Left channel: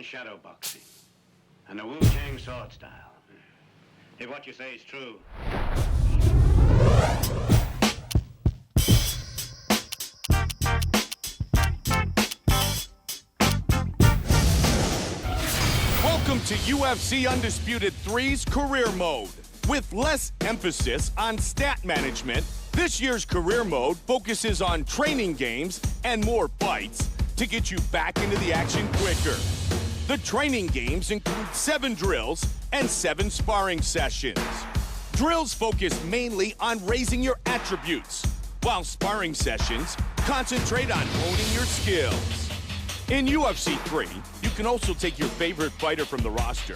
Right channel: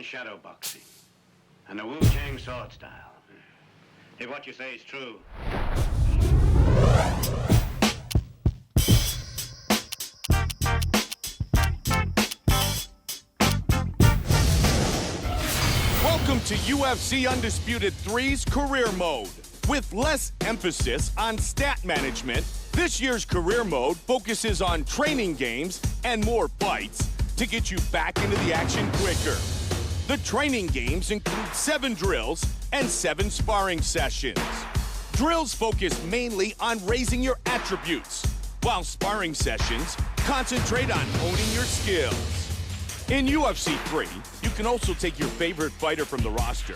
in shadow boxing and the Wu-Tang sword style. If what you say is true. Welcome to UFC Undisputed 3's Career Mode. With less emphasis on stat management, this year's Career Mode focuses on training games and more fights to get you back into the action quicker. The training games include 7 drills and 7 sparring sessions. Drills focus mainly on raising your attributes, while sparring sessions concentrate on honing your skills. In UFC 3, you can also take your favorite fighter from the roster,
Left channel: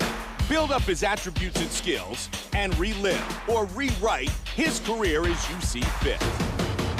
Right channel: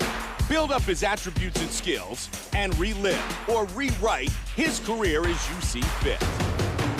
build up his attributes and skills, and relive or rewrite his career as you see fit.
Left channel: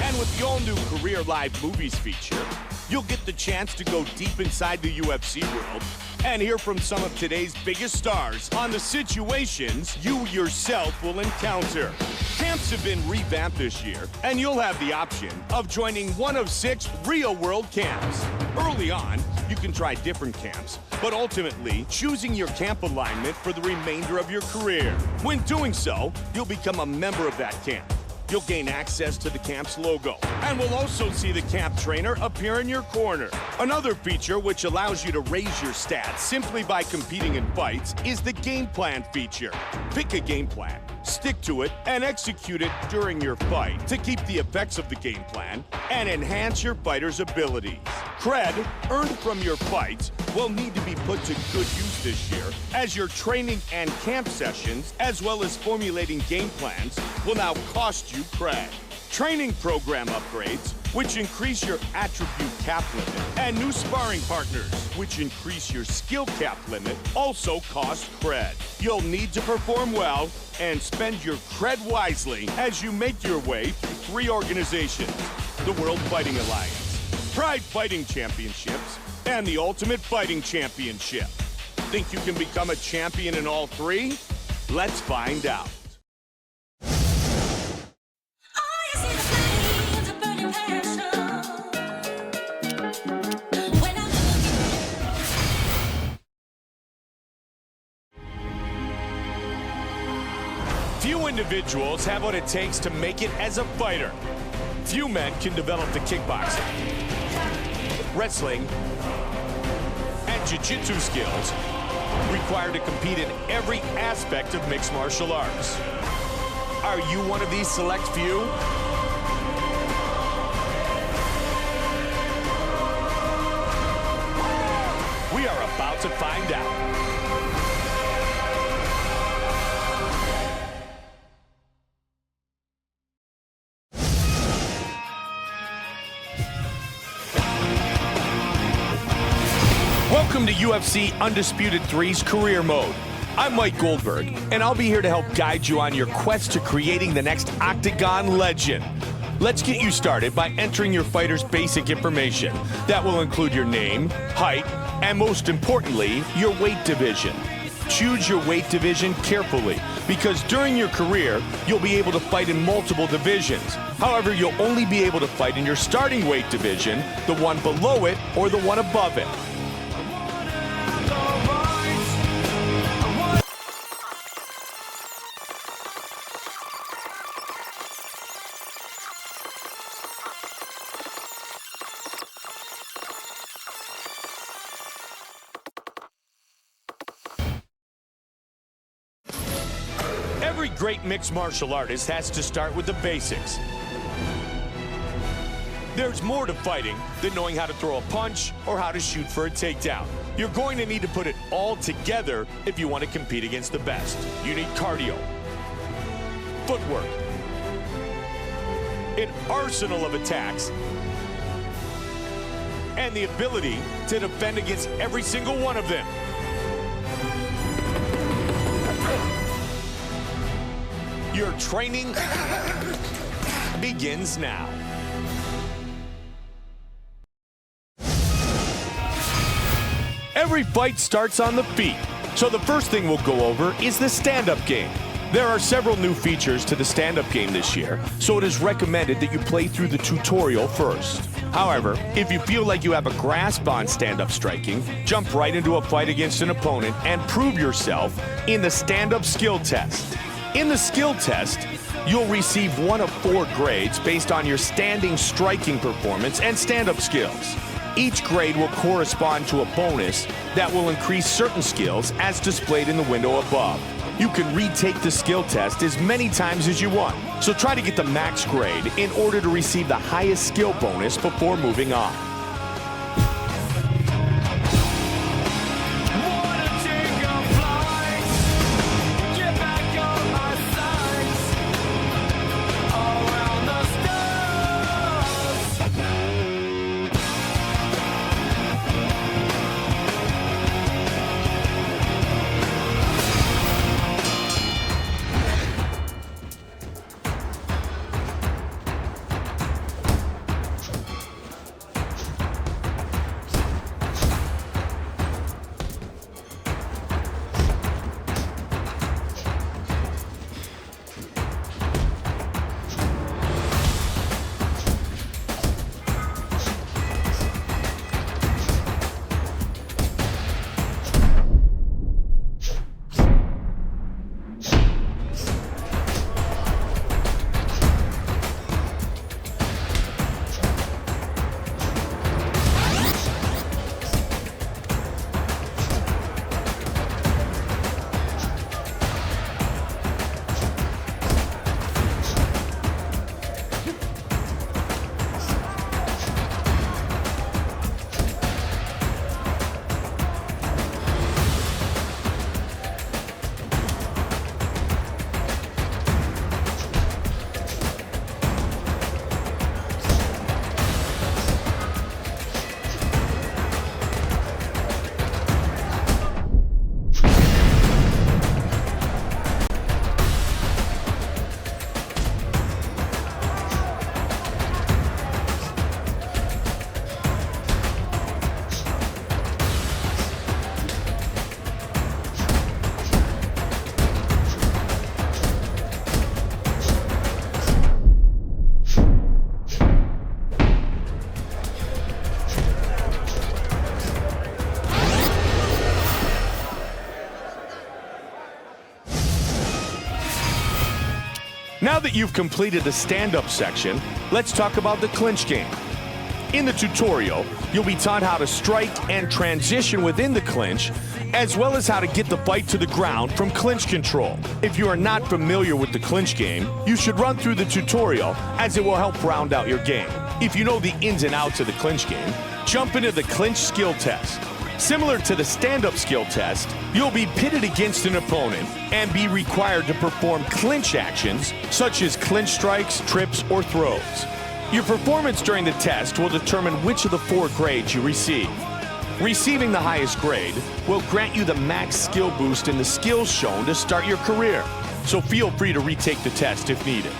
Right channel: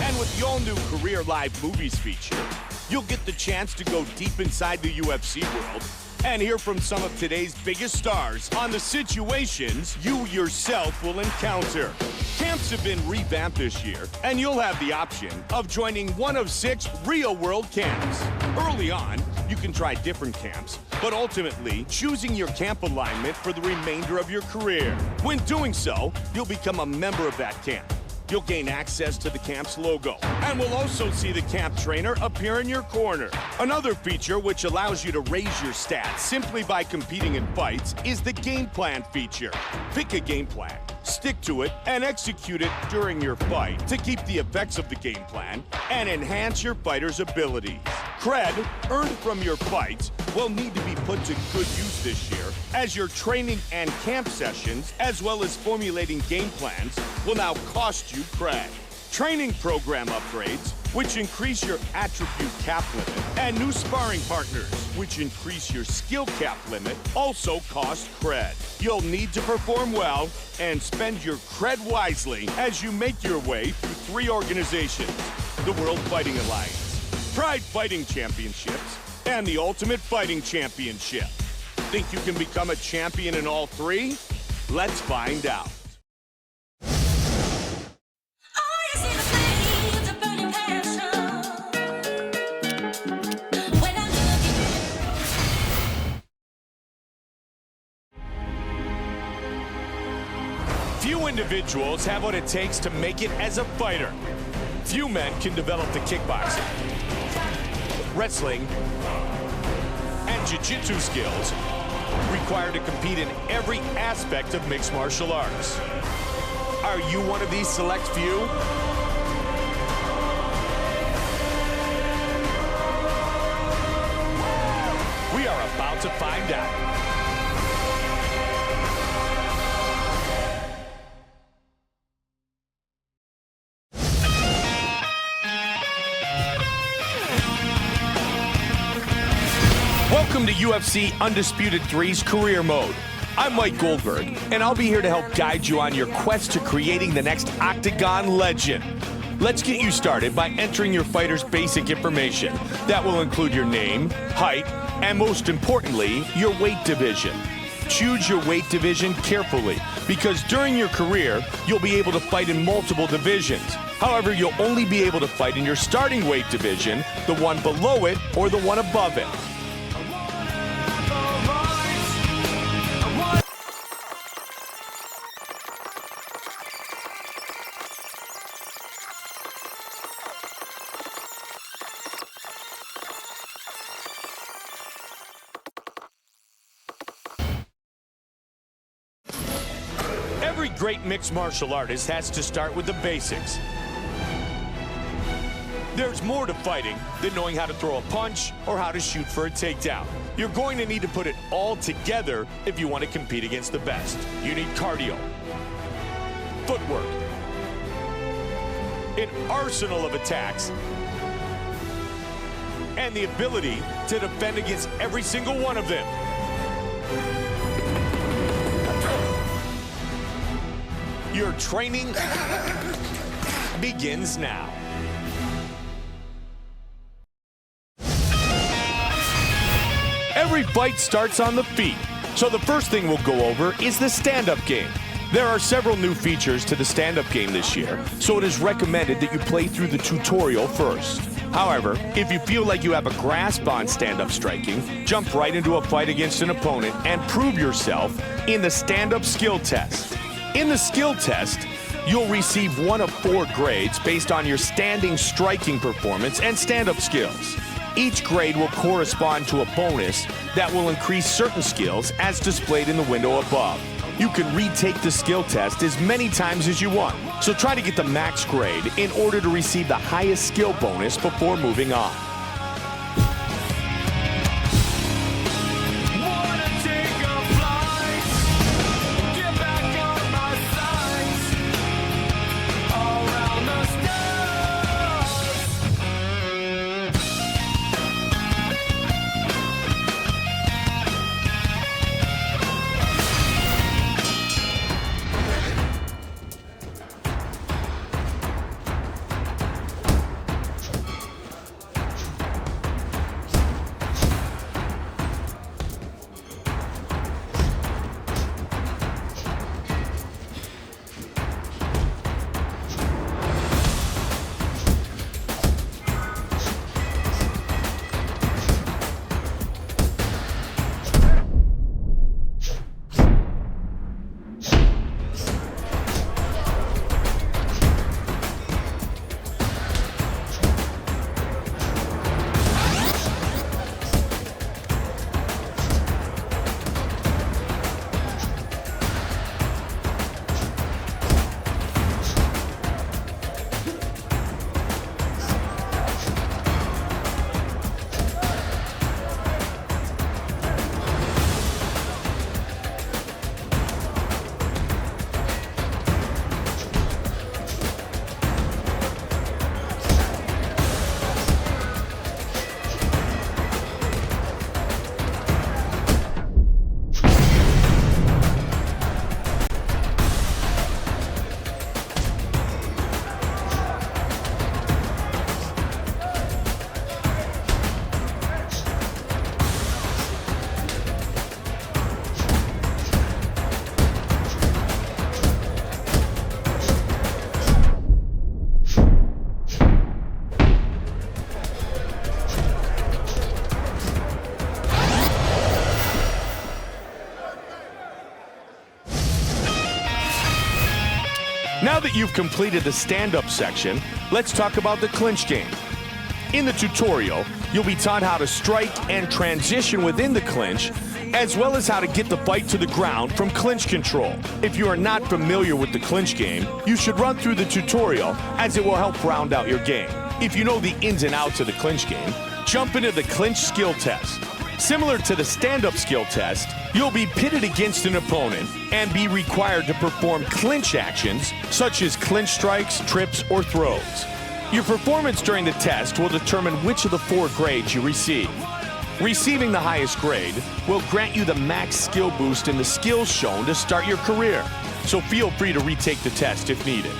And with the all-new Career Live Movies feature, you'll get the chance to go deep inside the UFC world and hear from some of today's biggest stars on the situations you yourself will encounter. Camps have been revamped this year, and you'll have the option of joining one of 6 real-world camps. Early on, you can try different camps, but ultimately choosing your camp alignment for the remainder of your career. When doing so, you'll become a member of that camp. You'll gain access to the camp's logo, and we'll also see the camp trainer appear in your corner. Another feature which allows you to raise your stats simply by competing in fights is the game plan feature. Pick a game plan, stick to it, and execute it during your fight to keep the effects of the game plan and enhance your fighter's abilities. Cred earned from your fights will need to be put to good use this year, as your training and camp sessions, as well as formulating game plans, will now cost you cred. Training program upgrades, which increase your attribute cap limit, and new sparring partners, which increase your skill cap limit, also cost cred. You'll need to perform well and spend your cred wisely as you make your way through 3 organizations: the World Fighting Alliance, Pride Fighting Championships, and the Ultimate Fighting Championship. Think you can become a champion in all 3? Let's find out. Few individuals have what it takes to make it as a fighter. Few men can develop the kickboxing, wrestling, and jiu-jitsu skills required to compete in every aspect of mixed martial arts. Are you one of these select few? We are about to find out. Welcome to UFC Undisputed 3's Career Mode. I'm Mike Goldberg, and I'll be here to help guide you on your quest to creating the next Octagon legend. Let's get you started by entering your fighter's basic information. That will include your name, height, and most importantly, your weight division. Choose your weight division carefully, because during your career, you'll be able to fight in multiple divisions. However, you'll only be able to fight in your starting weight division, the one below it, or the one above it. Every great mixed martial artist has to start with the basics. There's more to fighting than knowing how to throw a punch or how to shoot for a takedown. You're going to need to put it all together if you want to compete against the best. You need cardio, footwork, an arsenal of attacks, and the ability to defend against every single one of them. Your training begins now. Every fight starts on the feet, so the first thing we'll go over is the stand-up game. There are several new features to the stand-up game this year, so it is recommended that you play through the tutorial first. However, if you feel like you have a grasp on stand-up striking, jump right into a fight against an opponent and prove yourself in the stand-up skill test. In the skill test, you'll receive one of 4 grades based on your standing striking performance and stand-up skills. Each grade will correspond to a bonus that will increase certain skills as displayed in the window above. You can retake the skill test as many times as you want, so try to get the max grade in order to receive the highest skill bonus before moving on. Now that you've completed the stand-up section, let's talk about the clinch game. In the tutorial, you'll be taught how to strike and transition within the clinch, as well as how to get the fight to the ground from clinch control. If you are not familiar with the clinch game, you should run through the tutorial as it will help round out your game. If you know the ins and outs of the clinch game, jump into the clinch skill test. Similar to the stand-up skill test, you'll be pitted against an opponent and be required to perform clinch actions such as clinch strikes, trips, or throws. Your performance during the test will determine which of the 4 grades you receive. Receiving the highest grade will grant you the max skill boost in the skills shown to start your career, so feel free to retake the test if needed.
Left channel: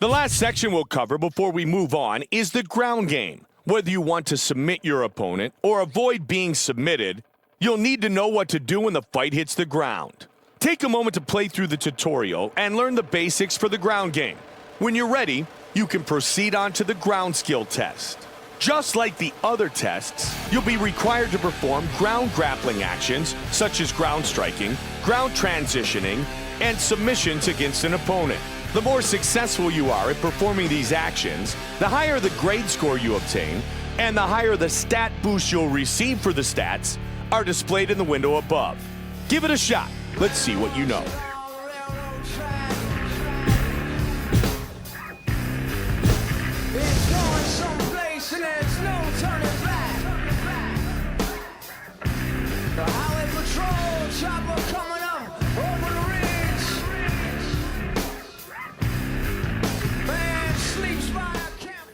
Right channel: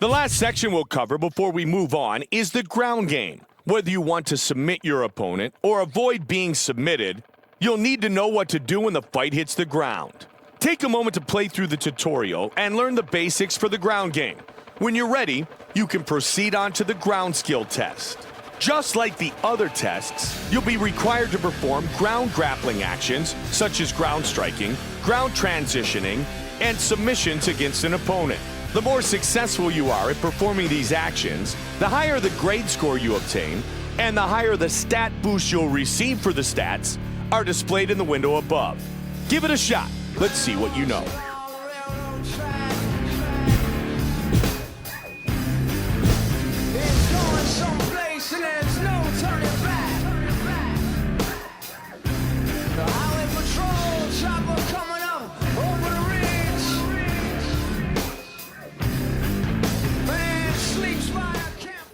The last section we'll cover before we move on is the ground game. Whether you want to submit your opponent or avoid being submitted, you'll need to know what to do when the fight hits the ground. Take a moment to play through the tutorial and learn the basics for the ground game. When you're ready, you can proceed on to the ground skill test. Just like the other tests, you'll be required to perform ground grappling actions such as ground striking, ground transitioning, and submissions against an opponent. The more successful you are at performing these actions, the higher the grade score you obtain, and the higher the stat boost you'll receive for the stats are displayed in the window above. Give it a shot. Let's see what you know. It's going someplace and there's no turning back. The highway patrol chopper coming up over the ridge. Man sleeps by a camp.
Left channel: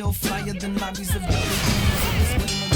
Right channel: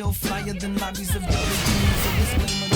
feel flyer than lobbies of WDs. A disclaimer.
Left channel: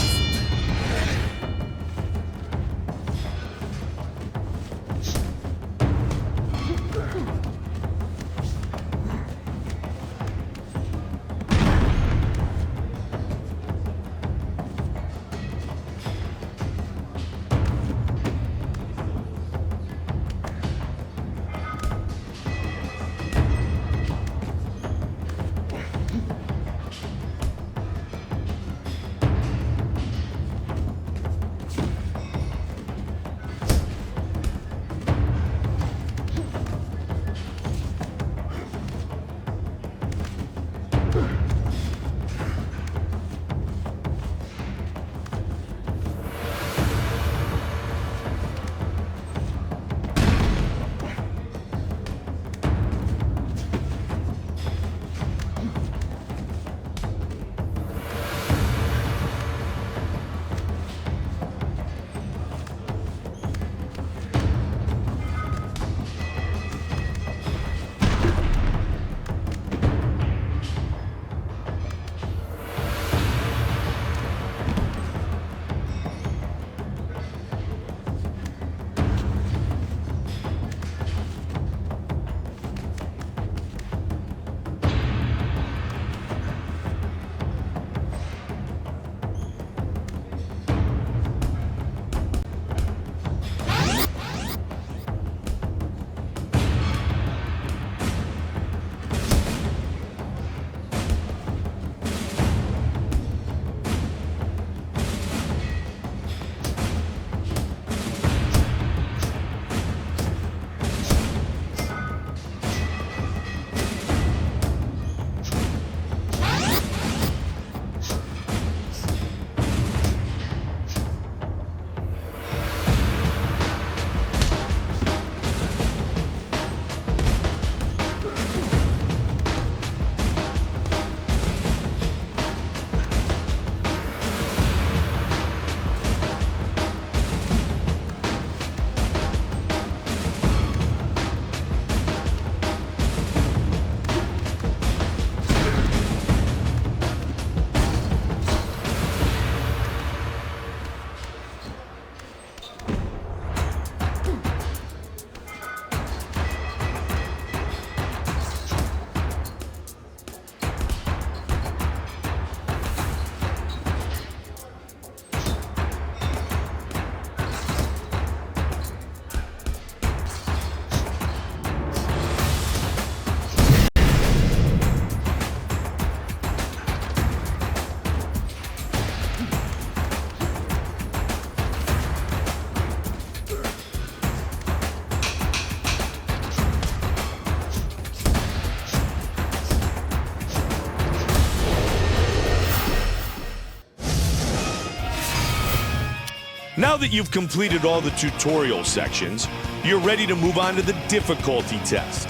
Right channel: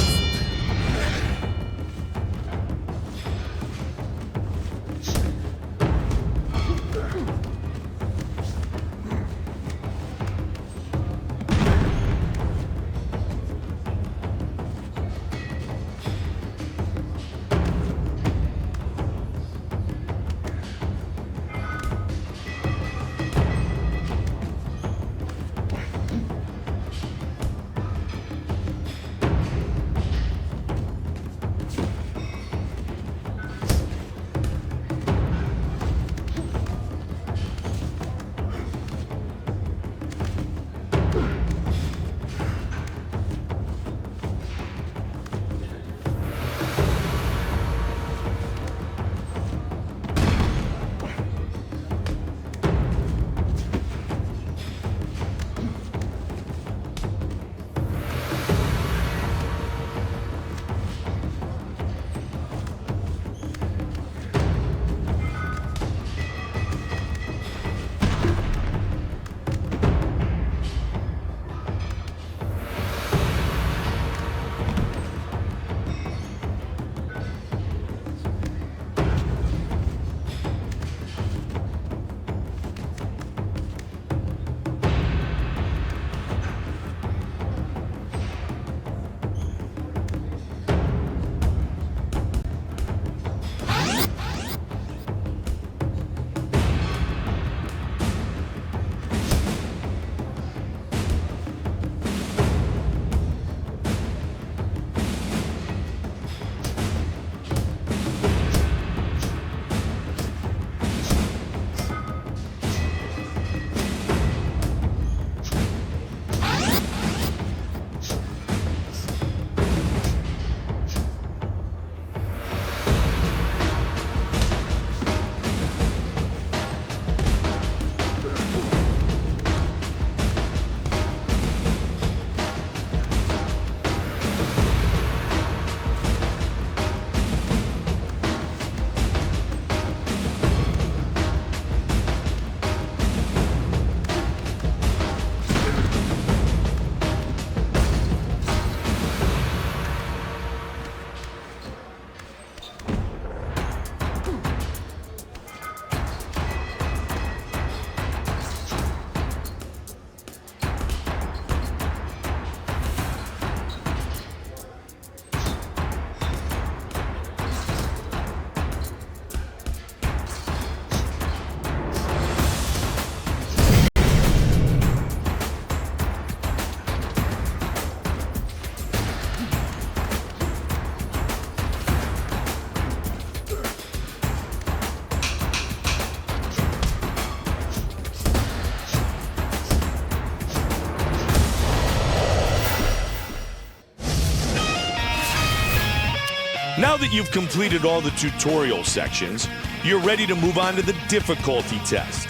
Now that you've completed all the tutorial sections, you're ready to move on to the difficulty test.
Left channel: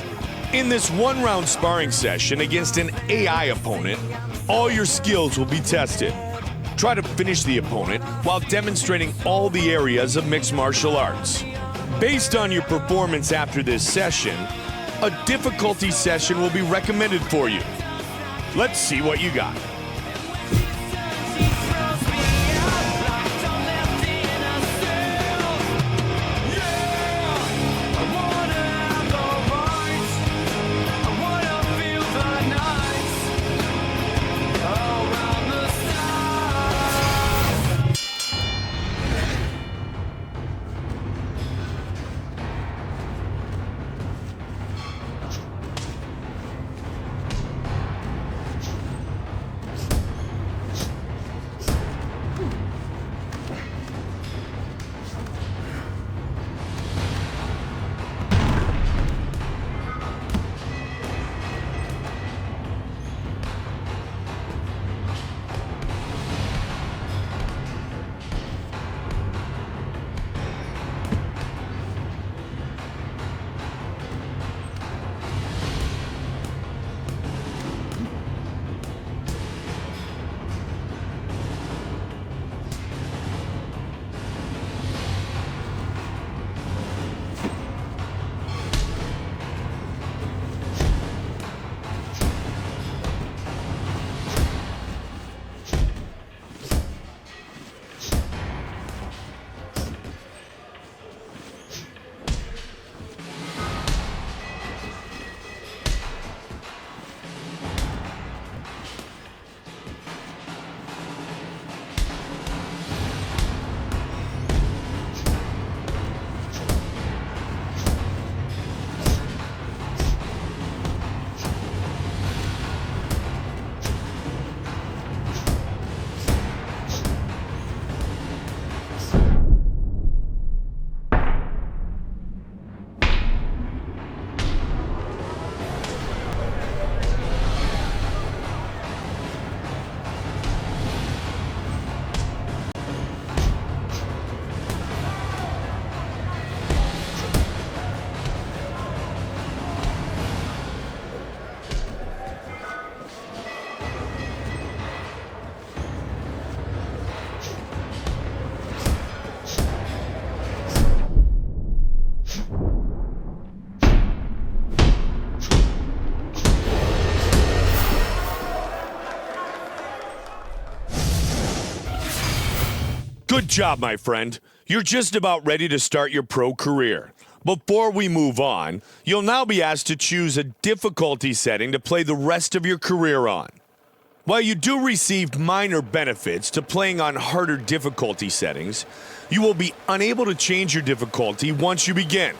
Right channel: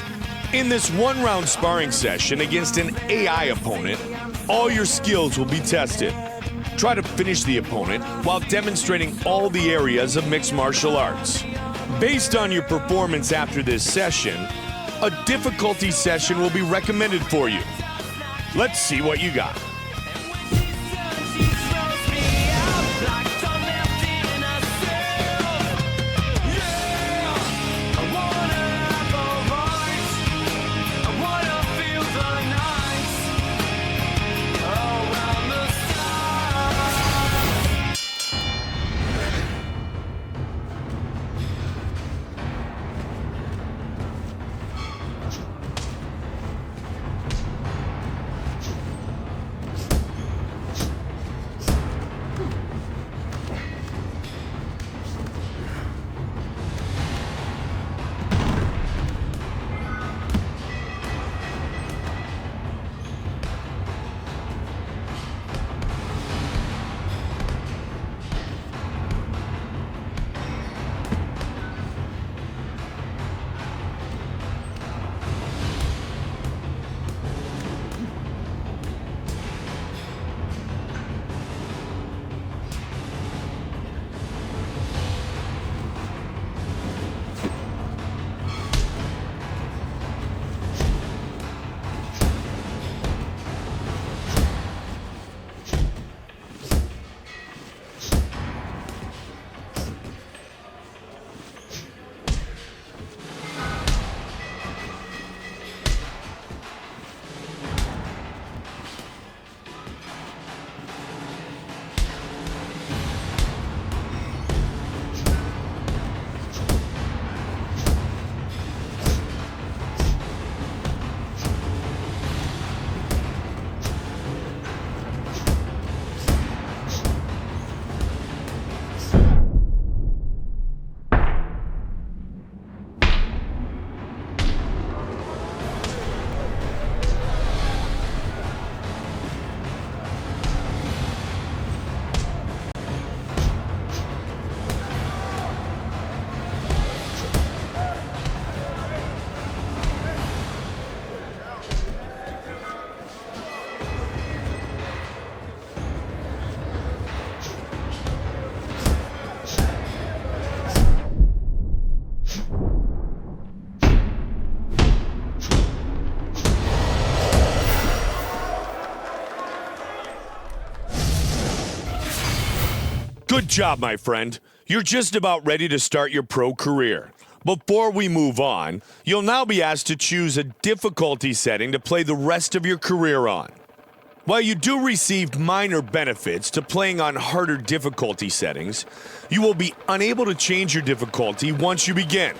In this one-round sparring session against an AI opponent, all your skills will be tested. Try to finish the opponent while demonstrating all the areas of mixed martial arts. Based on your performance after this session, a difficulty session will be recommended for you. Let's see what you got. Good job, my friend. You're just about ready to start your pro career. Before we move on, you'll now be asked to choose a difficulty setting to play the rest of your career on. While you do receive minor benefits to playing on harder difficulty settings, you will be unable to change your difficulty once you begin.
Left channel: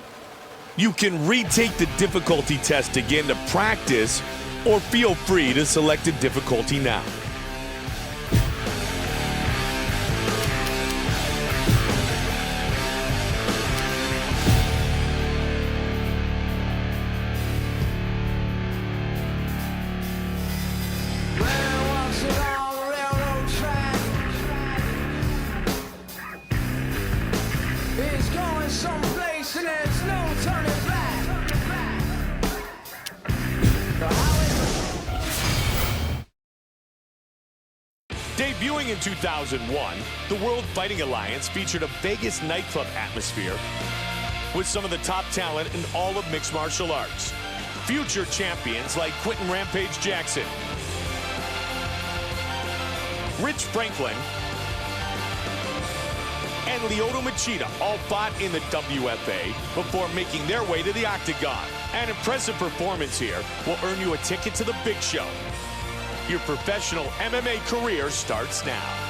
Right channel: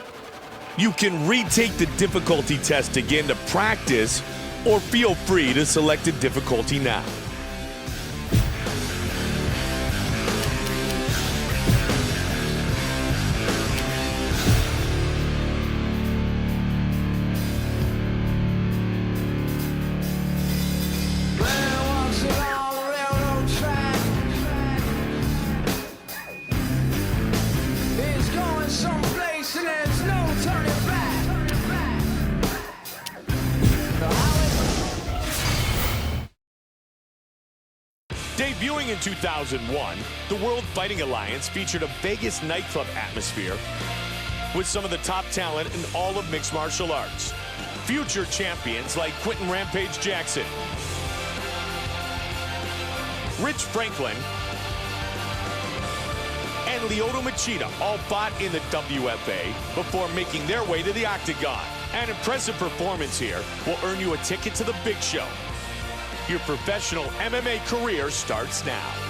You can retake the difficulty test again to practice, or feel free to select a difficulty now. Debuting in 2001, the World Fighting Alliance featured a Vegas nightclub atmosphere with some of the top talent in all of mixed martial arts. Future champions like Quentin Rampage Jackson, Rich Franklin, and Lyoto Machida all fought in the WFA before making their way to the Octagon. An impressive performance here will earn you a ticket to the big show. Your professional MMA career starts now.